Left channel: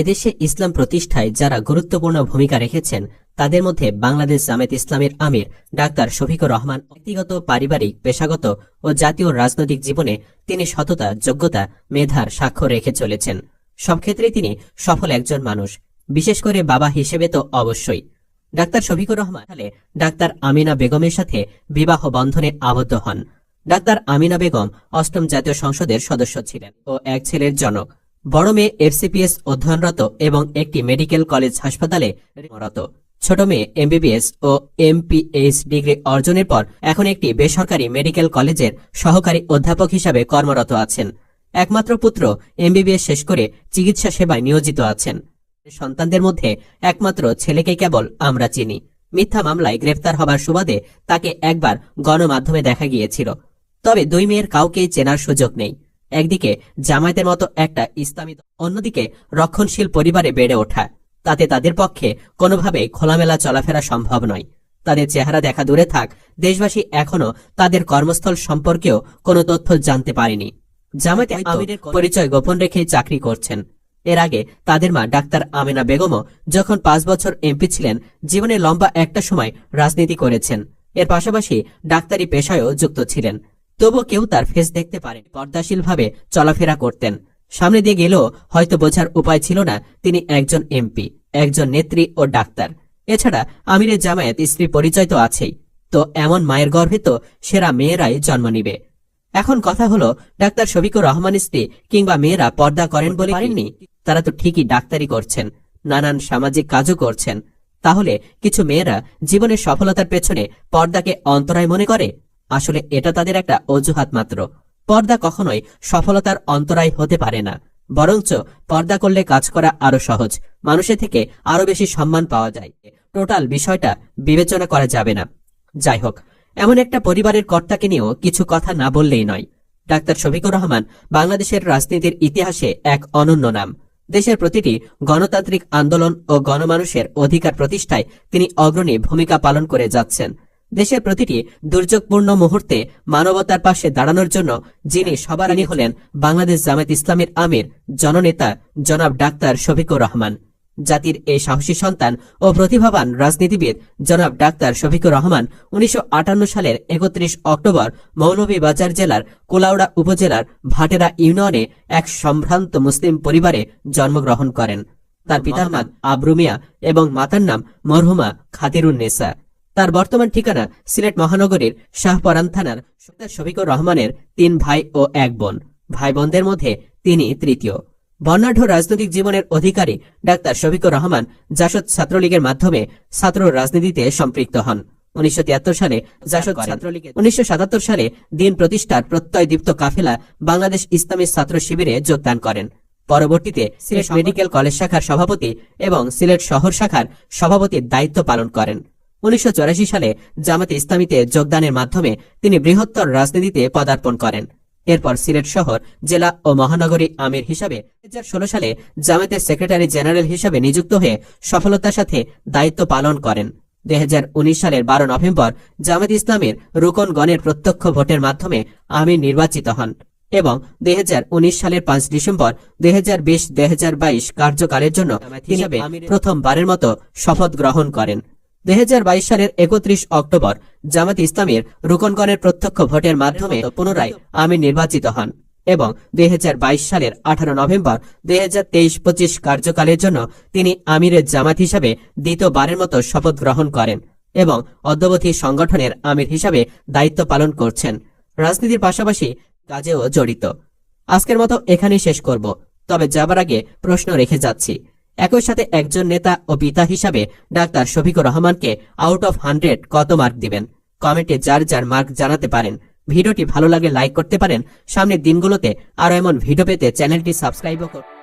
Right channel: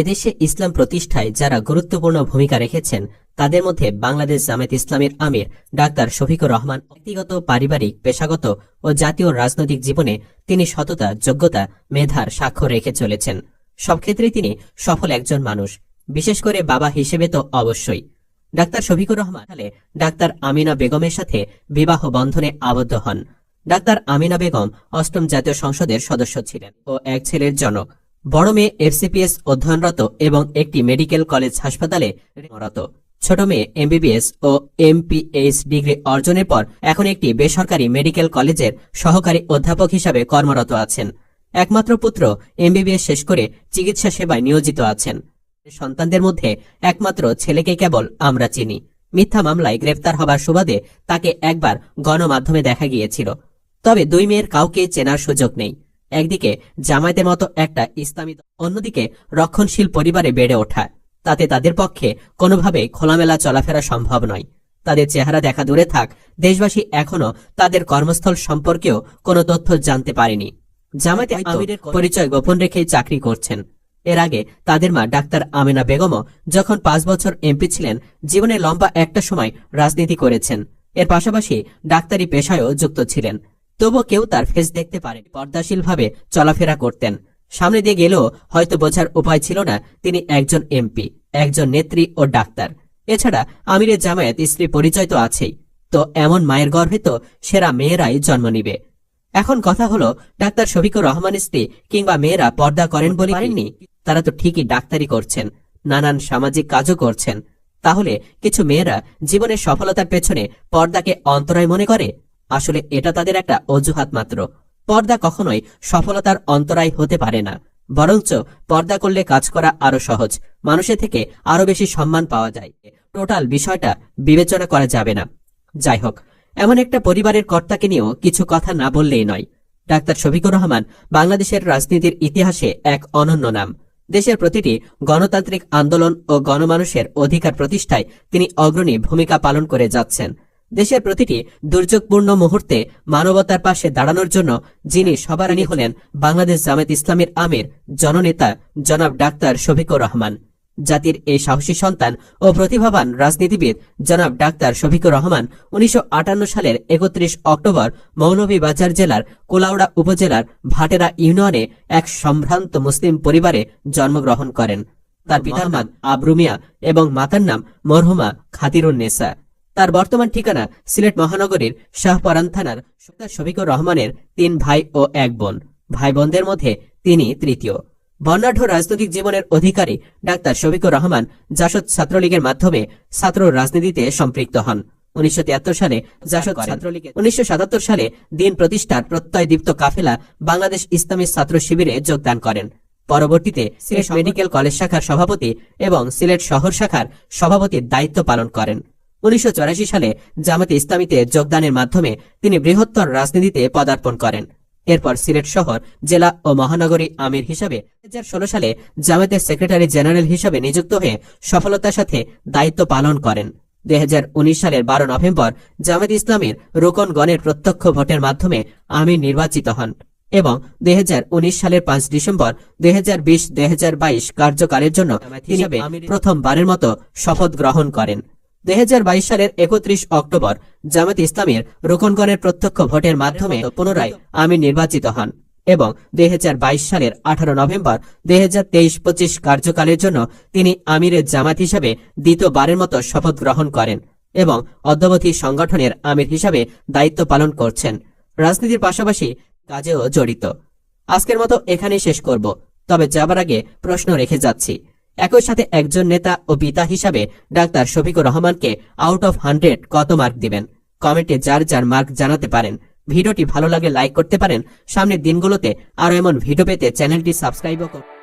এদেশে ইসলাম প্রতিষ্ঠায় যারা গুরুত্বপূর্ণ ভূমিকা রেখেছেন, তাদের মধ্যে বাংলাদেশ জামায়াত ইসলামের আমির ডাক্তার শফিকুর রহমান, ব্যক্তিগত, পারিবারিক, পেশাগত ও জাতীয় রাজনৈতিক জীবনে তিনি সততা, যোগ্যতা, মেধার স্বাক্ষর রেখে চলেছেন। সব ক্ষেত্রেই তিনি সফল একজন মানুষ। বিশেষ করে বাবা হিসেবে তো অবশ্যই। ডাক্তার শফিকুর রহমান সালে ডাক্তার আমিনা বেগমের সাথে বিবাহ বন্ধনে আবদ্ধ হন। ডাক্তার আমিনা বেগম অষ্টম জাতীয় সংসদের সদস্য ছিলেন ও এক ছেলের জনক। বড় মেয়ে এফসিপিএস অধ্যয়নরত এবং একটি মেডিকেল কলেজ হাসপাতালে কর্মরত। ছোট মেয়ে এমবিবিএস ও এমপিএইচ ডিগ্রি অর্জনের পর এখন একটি বেসরকারি মেডিকেল কলেজের সহকারী অধ্যাপক হিসাবে কর্মরত আছেন। একমাত্র পুত্র এমবিবিএস শেষ করে চিকিৎসা সেবায় নিয়োজিত আছেন। সন্তানদের মধ্যে একমাত্র ছেলেকে কেবল আমরা চিনি। মিথ্যা মামলায় গ্রেফতার হবার সুবাদে তাকে একবার গণমাধ্যমে দেখা গিয়েছিল। তবে দুই মেয়ের কাউকেই চেনার সুযোগ নেই। একদিকে জামায়াতের মতো একটা ইসলামী অন্যদিকে রক্ষণশীল পরিবারে বেড়ে ওঠা। তাতে তাদের পক্ষে কোনোভাবে খোলামেলা চলাফেরা সম্ভব নয়। তাদের চেহারা দেখা দূরে থাক দেশবাসী এখনও তাদের কর্মস্থল সম্পর্কেও কোনো তথ্য জানতে পারেনি। জামায়াতে পরিচয় গোপন রেখে চাকরি করছেন। এর আগে তাদের মা ডাক্তার আমিনা বেগমও যখন পাঁচ বছর এমপি ছিলেন জীবনে লম্বা একটা সময় রাজনীতি করেছেন। এর পাশাপাশি ডাক্তারি পেশায়ও যুক্ত ছিলেন। তবুও কেউ তার ফেস দেখতে পারে পর্দাশীলভাবে চলাফেরা করতেন। সামনে দিয়ে গেলেও হয়তো বোঝার উপায় ছিল না তিনি একজন এমপি একজন নেত্রী ও ডাক্তার। এছাড়া আমিরের জামায়াত স্ত্রী পরিচয় তো আছেই। তো এমন মায়ের গর্ভে তো সেরা মেয়েরাই জন্ম নিবে। এখন কথা হলো ডাক্তার শফিকুর রহমান স্ত্রী কিংবা মেয়েরা পর্দা করেন বলে পারেননি। তারা তো ঠিকই ডাক্তারি করছেন নানান সামাজিক কাজও করছেন। তাহলে কিছু মেয়েরা জীবনের সফলতার পেছনে পর্দাকে অন্তরায় মনে করে? আসলে এটা তাদের একটা অজুহাত মাত্র। পর্দা কখনোই সফলতার অন্তরায় হতে পারে না। বরঞ্চ পর্দা করলে কাজ করা আরও সহজ মানুষের থেকে আরও বেশি সম্মান পাওয়া যায়। টোটাল বিষয়টা বিবেচনা করা যাবে না। যাই হোক, এমন একটা পরিবারের কর্তাকে নিয়েও কিছু কথা না বললেই নয়। ডাক্তার শফিকুর রহমান বাংলাদেশের রাজনীতির ইতিহাসে এক অনন্য নাম। দেশের প্রতিটি গণতান্ত্রিক আন্দোলন ও গণমানুষের অধিকার প্রতিষ্ঠায় তিনি অগ্রণী ভূমিকা পালন করে যাচ্ছেন। দেশের প্রতিটি দুর্যোগপূর্ণ মুহূর্তে মানবতার পাশে দাঁড়ানোর জন্য যিনি সবার আগে হলেন বাংলাদেশ জামায়াত ইসলামের আমির, জননেতা জনাব ডাক্তার শফিকুর রহমান। জাতির এই সাহসী সন্তান ও প্রতিভাবান রাজনীতিবিদ জনাব ডাক্তার শফিকুর রহমান উনিশশো আটান্ন সালের একত্রিশ অক্টোবর মৌলভীবাজার জেলার কোলাউড়া উপজেলার ভাটেরা ইউনিয়নে এক সম্ভ্রান্ত মুসলিম পরিবারে জন্মগ্রহণ করেন। তার পিতা মাদ আবরু মিয়া এবং মাতার নাম মরহুমা খাতিরুন নেসা। তার বর্তমান ঠিকানা সিলেট মহানগরীর শাহপরান থানার ডাক্তার শফিকুর রহমানের তিন ভাই ও এক বোন। ভাই বোনদের মধ্যে তিনি তৃতীয়। বর্ণাঢ্য রাজনৈতিক জীবনের অধিকারী ডাক্তার শফিকুর রহমান জাসদ ছাত্রলীগের মাধ্যমে ছাত্র রাজনীতিতে সম্পৃক্ত হন। উনিশশো সালে জাসদ ছাত্রলীগের উনিশশো সালে দিন প্রতিষ্ঠার প্রত্যয়দীপ্ত কাফেলা বাংলাদেশ ইসলামী ছাত্র শিবিরে যোগদান করেন। পরবর্তীতে সিলেট মেডিকেল কলেজ শাখার সভাপতি এবং সিলেট শহর শাখার সভাপতির দায়িত্ব পালন করেন। উনিশশো সালে জামাতে ইসলামীতে যোগদানের মাধ্যমে তিনি বৃহত্তর রাজনীতিতে পদার্পণ করেন। এরপর সিলেট শহর জেলা ও মহানগরী আমির হিসাবে দুই হাজার ষোলো সালে জামাতের সেক্রেটারি জেনারেল হিসাবে নিযুক্ত হয়ে সফলতার সাথে দায়িত্ব পালন করেন। দুই হাজার উনিশ সালের বারো নভেম্বর জামাত ইসলামের রোকনগণের প্রত্যক্ষ ভোটের মাধ্যমে আমির নির্বাচিত হন এবং দুই হাজার উনিশ সালের পাঁচ ডিসেম্বর দুই দুই কার্যকালের জন্য হিসাবে প্রথমবারের মতো শপথ গ্রহণ করেন। দুই সালের একত্রিশ অক্টোবর জামাত ইসলামের রোকনগড়ের প্রত্যক্ষ ভোটের মাধ্যমে পুনরায় আমির নির্বাচিত হন এবং দুই সালের আঠারো নভেম্বর দুই হাজার কার্যকালের জন্য তিনি আমিরের জামাত হিসাবে দ্বিতীয়বারের মতো শপথ গ্রহণ করেন এবং অদ্যবধি সংগঠনের আমির হিসাবে দায়িত্ব পালন করছেন। রাজনীতির পাশাপাশি কাজেও জড়িত। আজকের মতো এখানেই শেষ করব। তবে যাবার আগে প্রশ্ন রেখে যাচ্ছি। একই সাথে একজন নেতা ও পিতা হিসাবে ডাক্তার শফিকুর রহমানকে আউট অফ হান্ড্রেড কত মার্ক দিবেন? কমেন্টে যার যার মার্ক জানাতে পারেন। ভিডিওটি ভালো লাগে লাইক করতে পারেন। সামনের দিনগুলোতে আরও এমন ভিডিও পেতে চ্যানেলটি সাবস্ক্রাইবও করুন।